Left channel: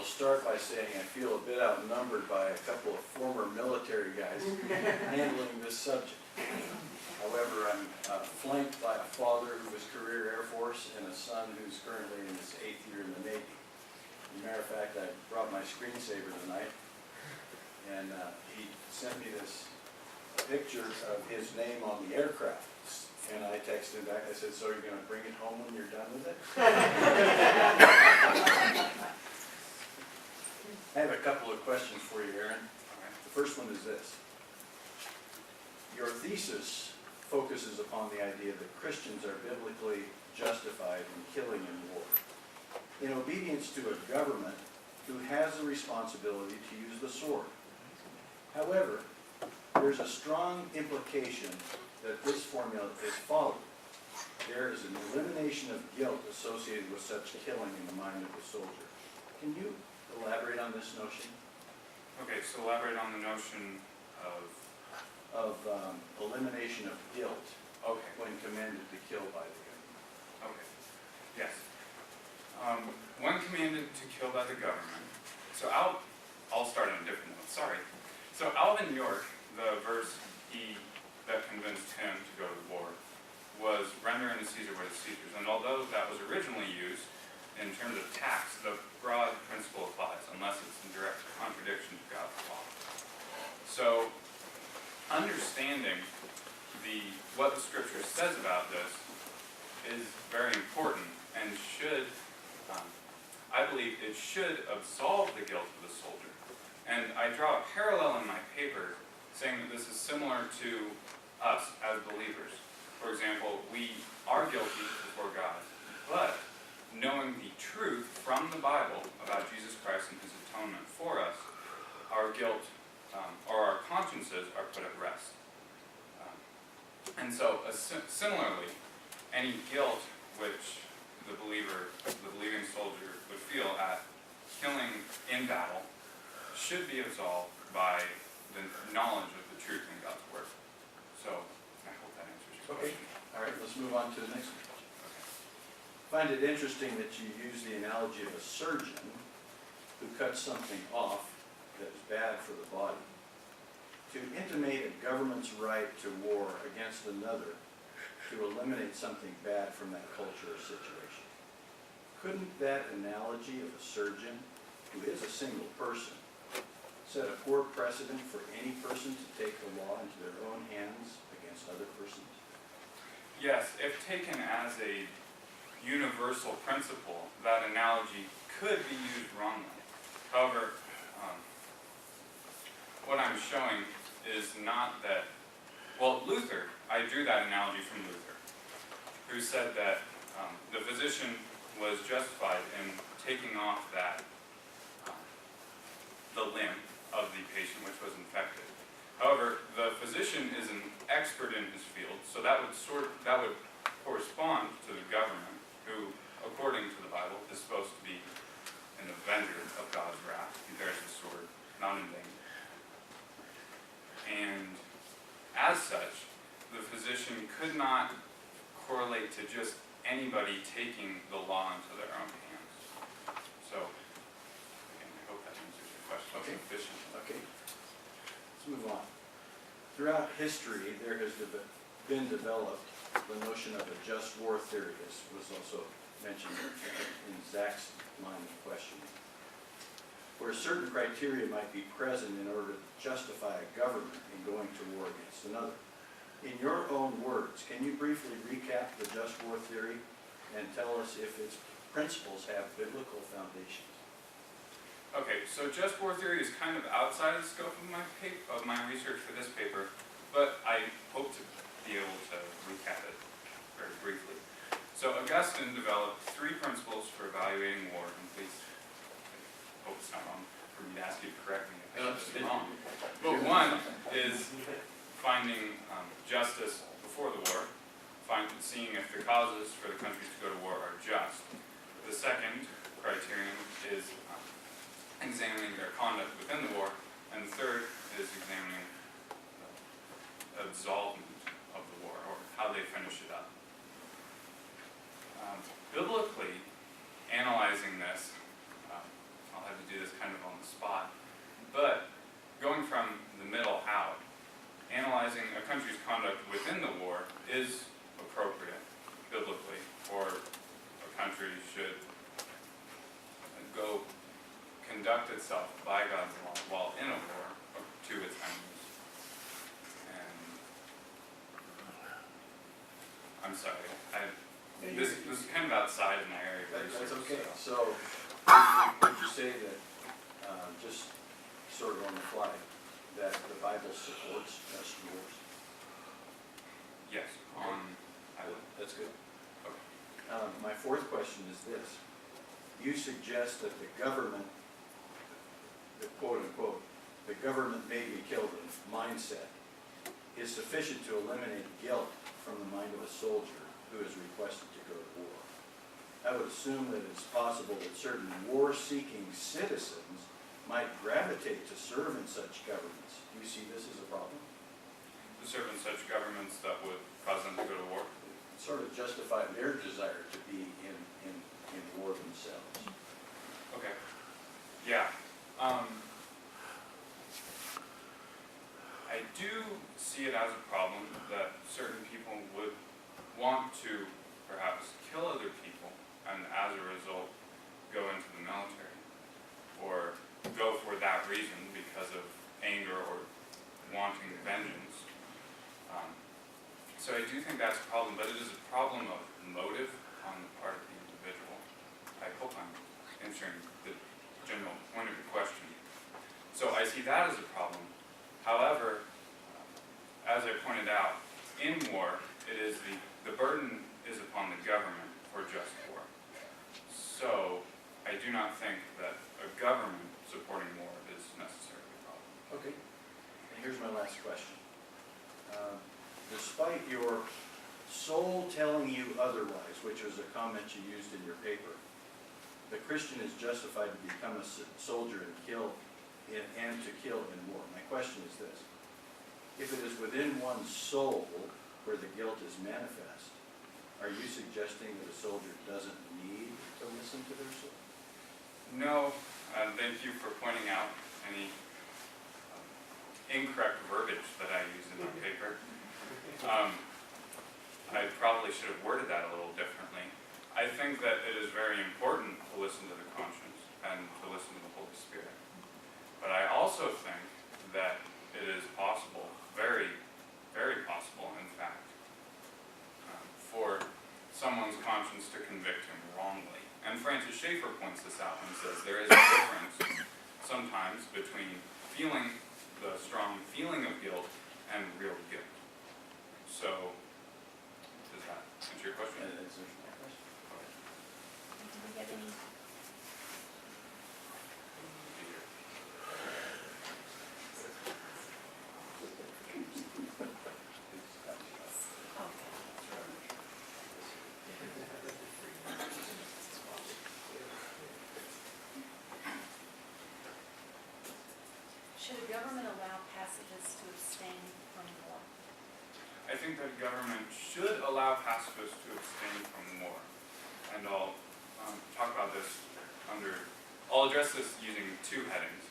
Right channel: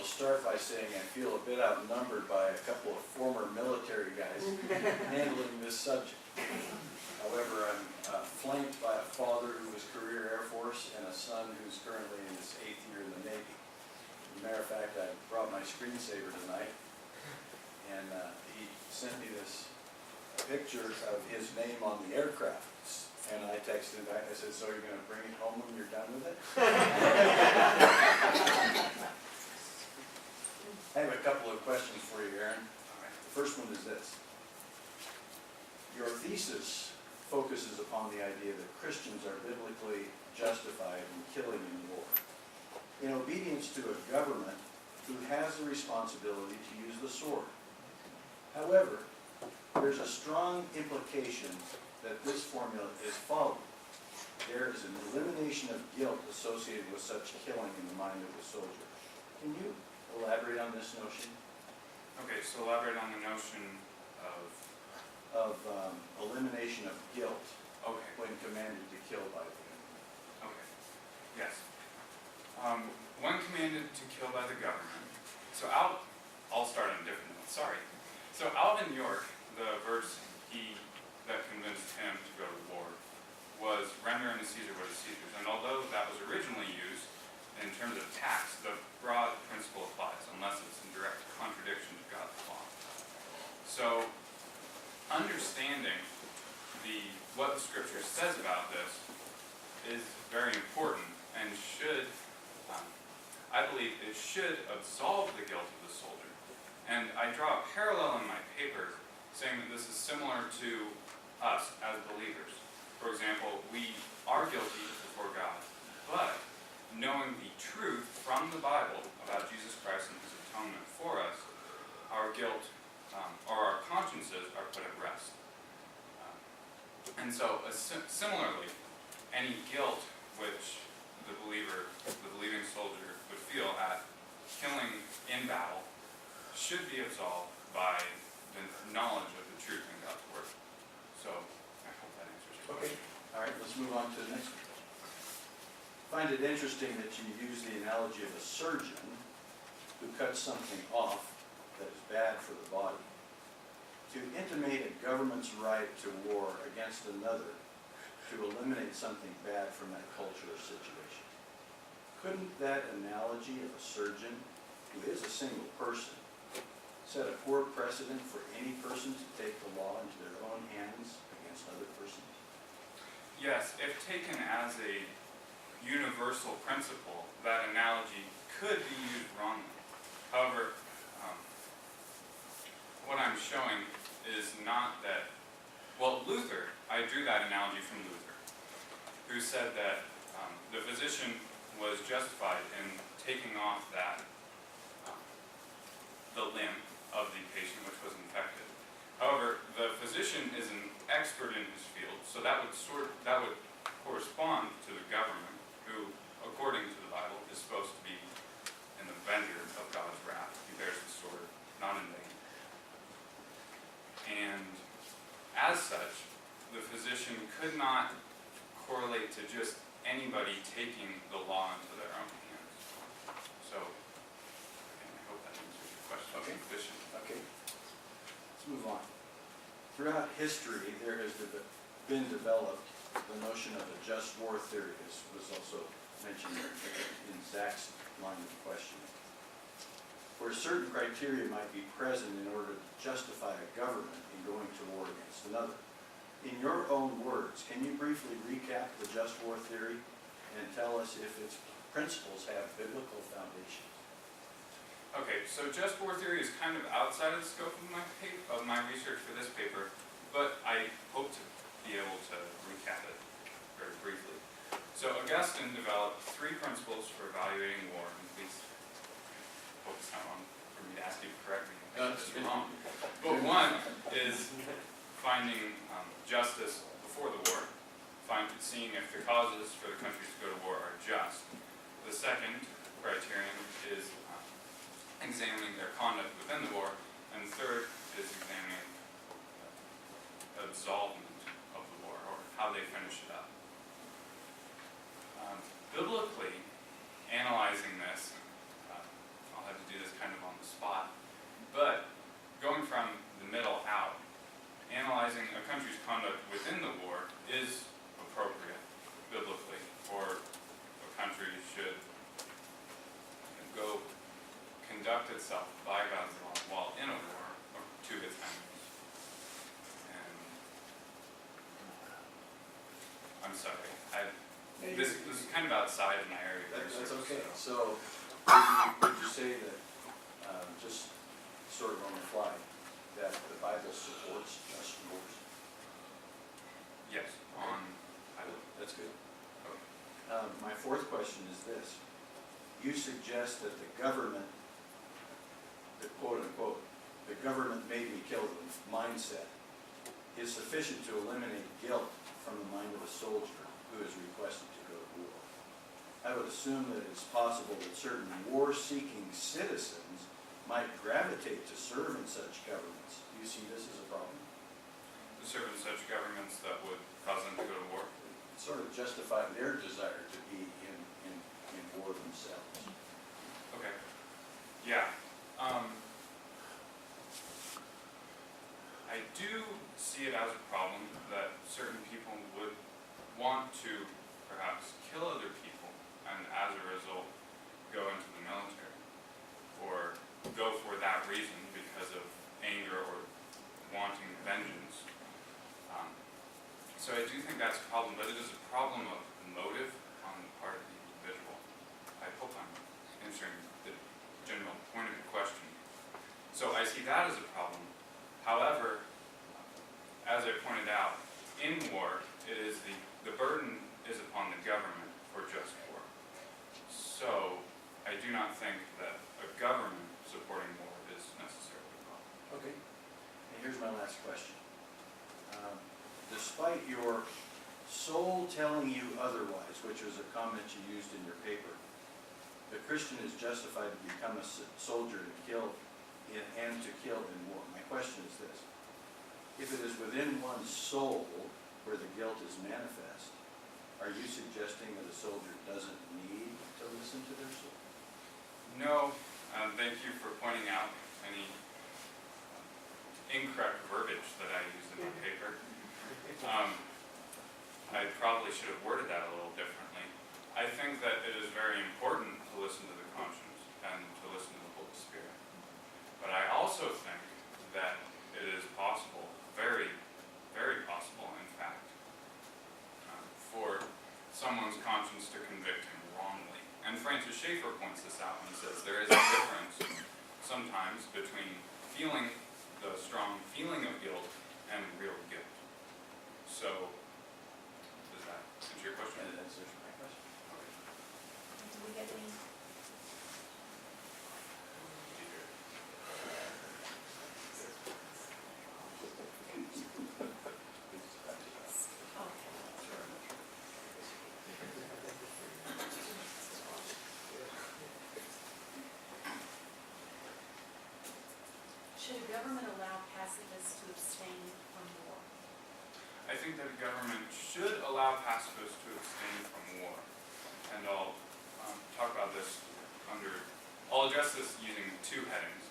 will start by saying I feel a bit outnumbered by a couple of former military guys handling this subject. However, I'm flanked by a father who was career Air Force and a son who's currently in his 8th year in the Navy. As a matter of fact, I brought my screensaver tonight, and he sent me this picture of his name on the aircraft. And I texted him back, I said, so you're going to bring it home when you're done with it? I have a couple of questions for you, Aaron. The first one is this. Your thesis focuses upon the idea that Christians are biblically justified in killing in war, in obedience to a government who has the responsibility to use the sword. However, there's a strong implication that this formula is followed. There is an elimination of guilt associated with such killing in the mind of the soldier. Can you elaborate on this notion? Okay, so elaborate on the notion of elimination of guilt okay. when commanded to kill by the government. Okay, yes. When commanded to kill by the government, so I'll start on a different note, sorry. So Alvin York, the verse that convinced him to go to war, was render unto Caesar what is Caesar's. And although that was originally used in terms of tax, the broad principle applies unless it's in direct contradiction to God's law. So understanding what the scripture says about this is very important and should, I believe it should absolve the guilt of the soldier. And I draw a parallel in my paper saying that this is similar to us as believers. For example, we are guilty before God, but knowing the truth from the Bible about Jesus Christ and his atonement for us, our guilt or our consciences are put at rest. And so, similarly, any guilt which the believing soldier would feel at killing in battle should be absolved by the knowledge of the truth in God's Word. So, I hope that answers your question. Okay, all right, let's move on to the next one. I find it interesting that you use the analogy of a surgeon who cuts something off that is bad for the body to intimate a government's right to war against another to eliminate something bad from that culture or situation. Couldn't that analogy of a surgeon, who is a single person, set a poor precedent for any person to take the law into their own hands against other persons? Yes, if taken as a universal principle, that analogy could be used wrongly. However, what I'm showing is not that, well, Luther, I drew that analogy from Luther, who said that the physician was justified in taking off the limb of the patient which was infected. However, the physician is an expert in his field, so that would correspond to the government, who, according to the Bible, is supposed to be an avenger of God's wrath. He bears the sword, not in vain. And as such, the physician could not correlate to just anybody taking the law into their own hands. So, again, I hope that answers your question. Okay. Sufficient. Okay, let's move on. Throughout history, there has been developed the notion of a just war theory. This was also mentioned in Zach's line of questioning, where certain criteria might be present in order to justify a government in going to war against another. In your own words, can you briefly recap the just war theory and tell us if its principles have biblical foundations? Okay, so just war theory is kind of outside of the scope of my research for this paper, but I hope to be able to recap it very briefly. So Augustine developed 3 principles for evaluating war, and please, I hope it's not wrong for me to ask you to correct me if it's wrong. But one is finding justice before the war, seeing if the causes for the countries to go to war are just. The second criterion is examining their conduct within the war, and the third is examining absolvement of the war, or how they finish it up. Biblically, analyzing this, I'll have to do conduct itself by God's law while in a war to its enemies. And I'm sorry, this is kind of outside my area of research. That's okay. So, would you say that, just sort of on the fly, that the Bible supports just wars? Yes, That's good. Okay. My fourth question is this. You suggest that the government, the quote unquote, the government made me kill them mindset is sufficient to eliminate guilt from the mind of a soldier who is requested to go to war. I would assume that it's possible that certain war-seeking citizens might gravitate to serve in such governments. Do you see this as a problem? To serve in such governments that would cause them to go to war? Sort of justify their desire to be in war themselves. Okay. Yeah. I do see it as a problem that certain people would want to perhaps kill other people and as a result go into the military or go for that reason because of anger or wanting vengeance. So I do think that's a problem, but it is a problem of motive on the part of the individual. I hope I'm answering the general point of your question. So I see that as a problem. However, as I pointed out, in war, it is the burden is upon the government for just war. So I do not think that a government supporting war is necessarily a problem. Okay. And here's my last question. Despite your soul telling you otherwise, which was a comment you used in your paper, the Christian is justified to become a soldier and kill in war. My question is this. If it is within one's soul where the guilt is manifest, are you suggesting that a soldier doesn't need to listen to their soul? No, thank you for pointing out any incorrect verbiage that I used in my paper. I probably should have worded that a little differently. I think that it is very important to listen to the conscience and to listen to the Holy Spirit. But I also think that it is possible, very, very possible, in fact, for someone's conscience to convict him wrongly. And Francis Schaeffer points this out when he says there is a difference sometimes between feeling the strong feeling of guilt and real guilt. So, does that answer your question? That answers my question. Do we get any? Should a government allow pacifists to abstain from war? I think that a government should allow pacifists to abstain from war. And I'll talk about this I'll address this using two headings.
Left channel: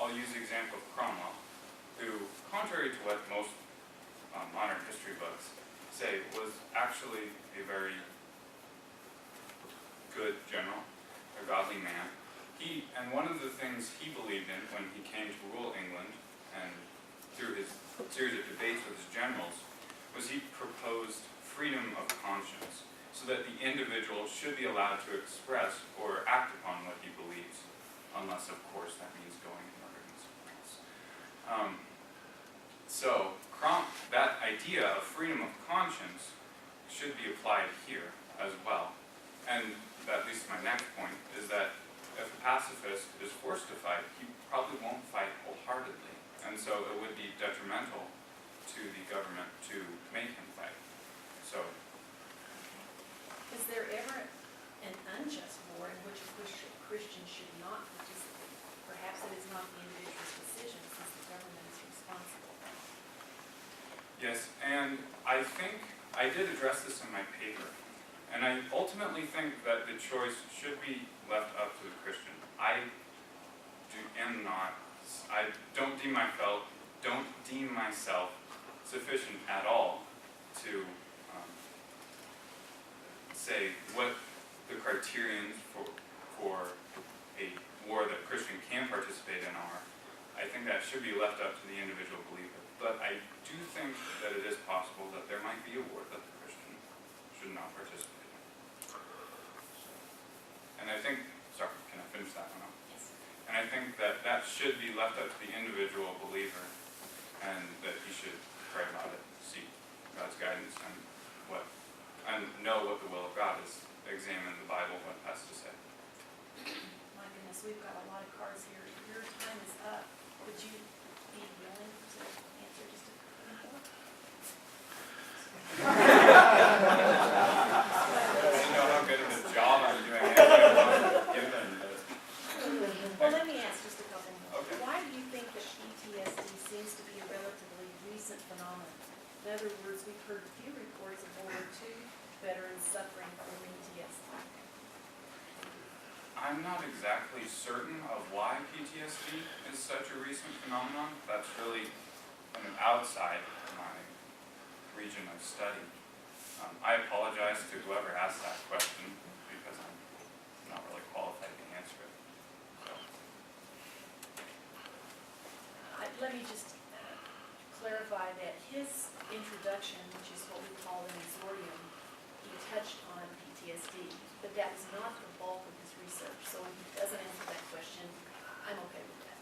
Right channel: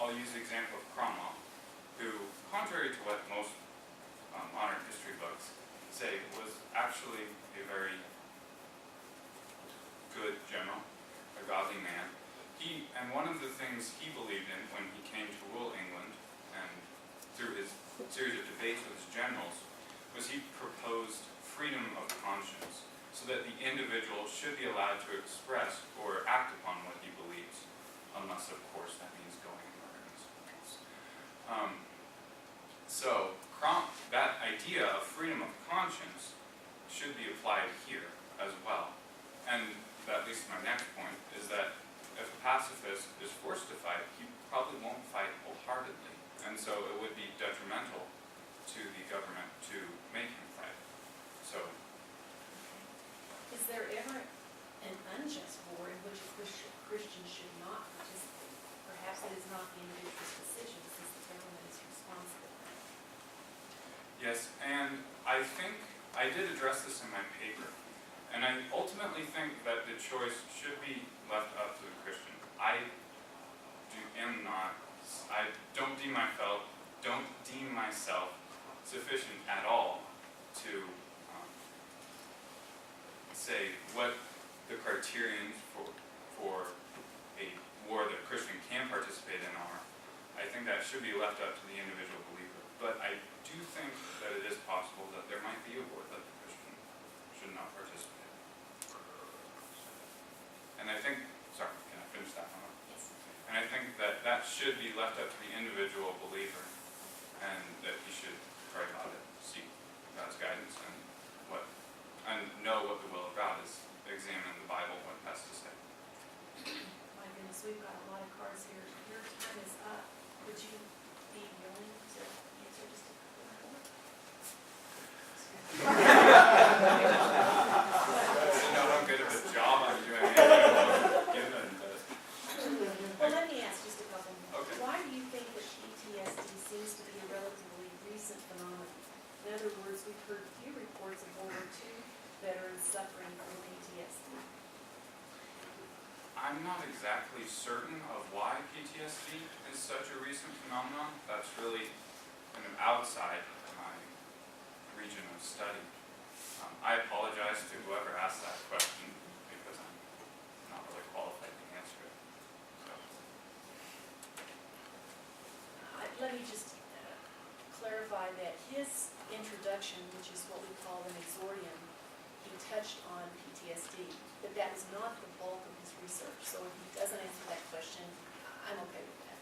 I'll use the example of Cromwell, who, contrary to what most modern history books say, was actually a very good general, a godly man. And one of the things he believed in when he came to rule England, and through his series of debates with his generals, was he proposed freedom of conscience, so that the individual should be allowed to express or act upon what he believes, unless, of course, that means going and murdering someone else. So that idea of freedom of conscience should be applied here as well. And that leads to my next point, is that if a pacifist is forced to fight, he probably won't fight wholeheartedly. And so it would be detrimental to the government to make him fight. So, Is there ever an unjust war in which a Christian should not participate? Perhaps it is not the individual's decision, since the government is responsible. yes, and I think I did address this in my paper. And I ultimately think that the choice should be left up to the Christian. I don't deem myself sufficient at all to say what the criterions for a war that that should be left up to the individual believer. But I do think that it is possible that there might be a war that the Christian should not participate in. And I think, sorry, can I finish that one up? Yes. And I think that that should be left up to the individual believer, and that he should pray about it, seek God's guidance, and know what the will of God is. Examine the Bible, what it has to say. My goodness, we've got a lot of cards here. Your time is up. Would you be willing to answer just a couple more? You know how good of a job I'm doing anyway, I'm given, but Well, let me ask just a couple more. Okay. Why do you think that PTSD seems to be a relatively recent phenomenon? In other words, we've heard few reports of World War II veterans suffering from PTSD. I'm not exactly certain of why PTSD is such a recent phenomenon. That's really kind of outside my region of study. I apologize to whoever asked that question because I'm not really qualified to answer it. So. Let me just clarify that his introduction, which is what we call an exordium, he touched on PTSD, but that is not the bulk of his research. So if he doesn't answer that question, I'm okay with that.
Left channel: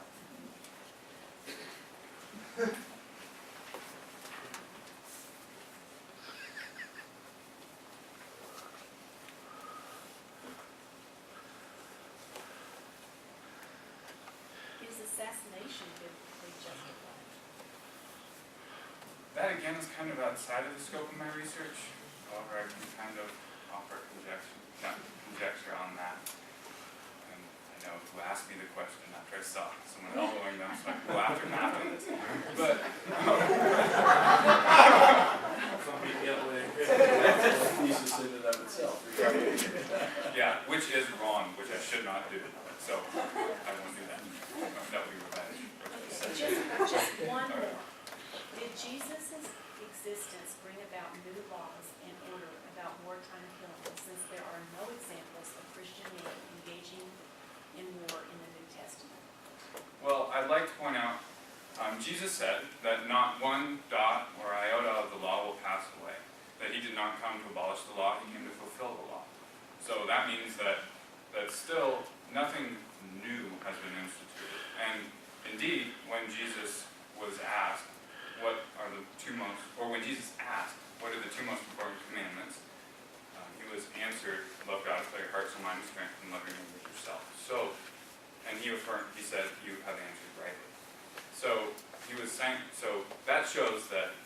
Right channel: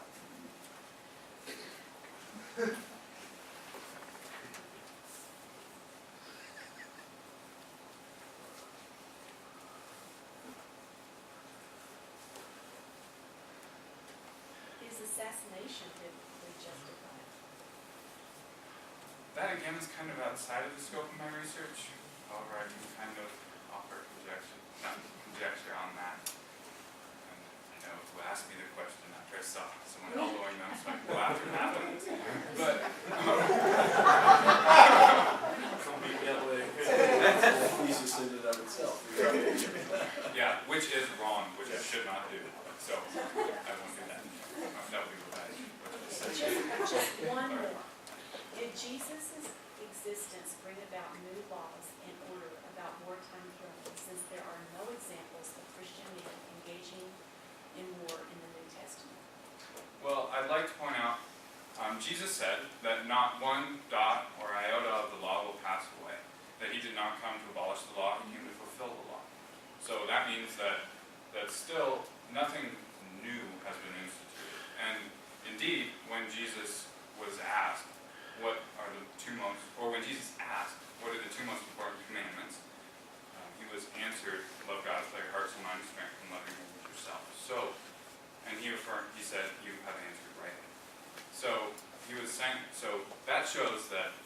Is assassination biblically justified? That again is kind of outside of the scope of my research. However, I can kind of offer conjecture on that. And I know who asked me the question after I saw someone elbowing them, so I can go after them after this. But thesis in and of itself. yeah, which is wrong, which I should not do. So I won't do that. That would be revenge, which I said. Just one more. Did Jesus' existence bring about new laws and order about wartime killing, since there are no examples of Christian men engaging in war in the New Testament? Well, I'd like to point out, Jesus said that not one dot or iota of the law will pass away, that he did not come to abolish the law, he came to fulfill the law. So that means that still nothing new has been instituted. And indeed, when Jesus was asked, when Jesus asked, what are the two most important commandments, he was answered, love God with all your heart, soul, mind, and strength, and love your neighbor as yourself. So, and he said, you have answered rightly. So, he was saying, so that shows that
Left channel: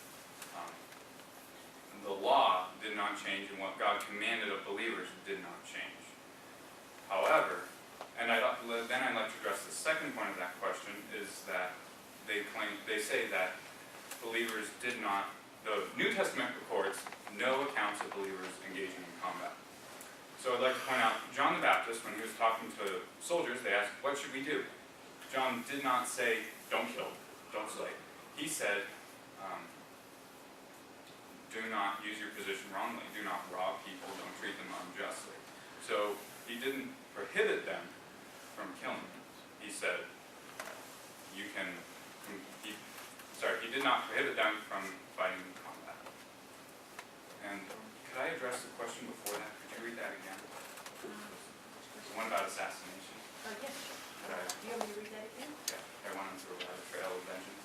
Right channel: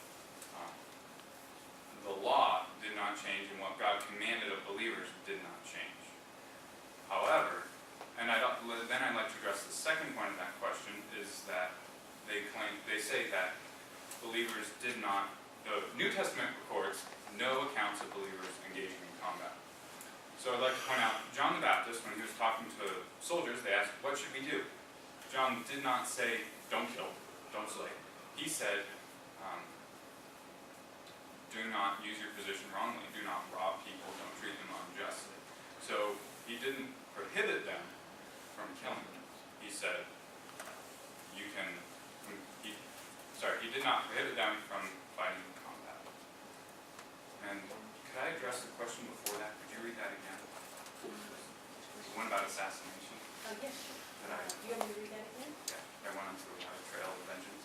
the law did not change, and what God commanded of believers did not change. However, and then I'd like to address the second point of that question, is that they say that believers did not, the New Testament records no accounts of believers engaging in combat. So I'd like to point out, John the Baptist, when he was talking to soldiers, they asked, what should we do? John did not say, don't kill, don't slay. He said, do not use your position wrongly, do not rob people, don't treat them unjustly. So he didn't prohibit them from killing. He said, he did not prohibit them from fighting in combat. And could I address the question before that? Could you read that again? The one about assassination. Yes. Could I? Do you want me to read that again? Yeah, I went on through a trail of vengeance.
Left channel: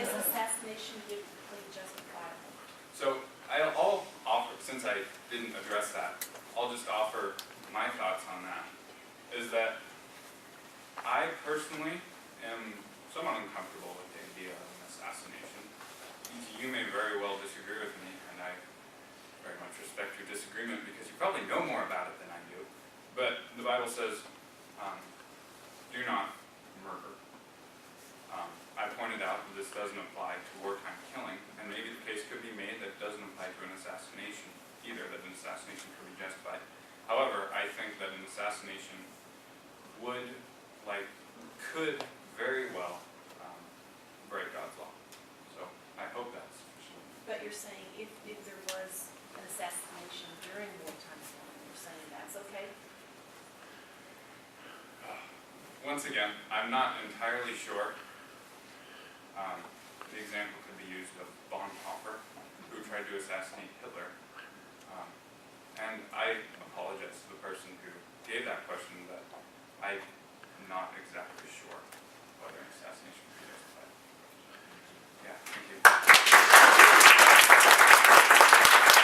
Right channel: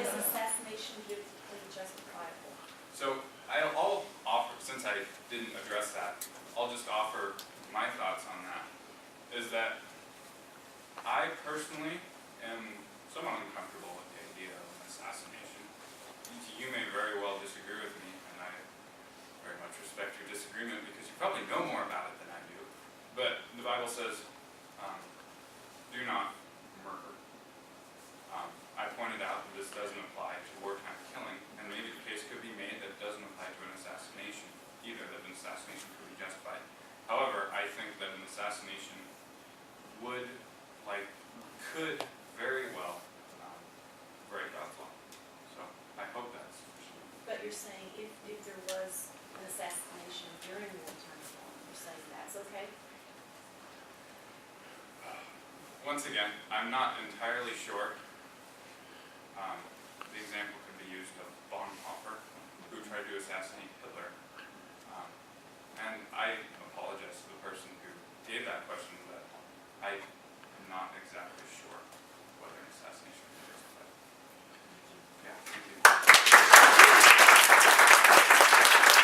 Is assassination biblically justifiable? So I'll offer, since I didn't address that, I'll just offer my thoughts on that. Is that I personally am somewhat uncomfortable with the idea of an assassination. You may very well disagree with me, and I very much respect your disagreement because you probably know more about it than I do. But the Bible says, do not murder. I pointed out that this doesn't apply to wartime killing, and maybe the case could be made that it doesn't apply to an assassination either, that an assassination could be justified. However, I think that an assassination could very well break God's law. So I hope that's sufficient. But you're saying if there was an assassination during wartime killing, you're saying that's okay? once again, I'm not entirely sure. The example could be used of Bonhoeffer, who tried to assassinate Hitler. And I apologize to the person who gave that question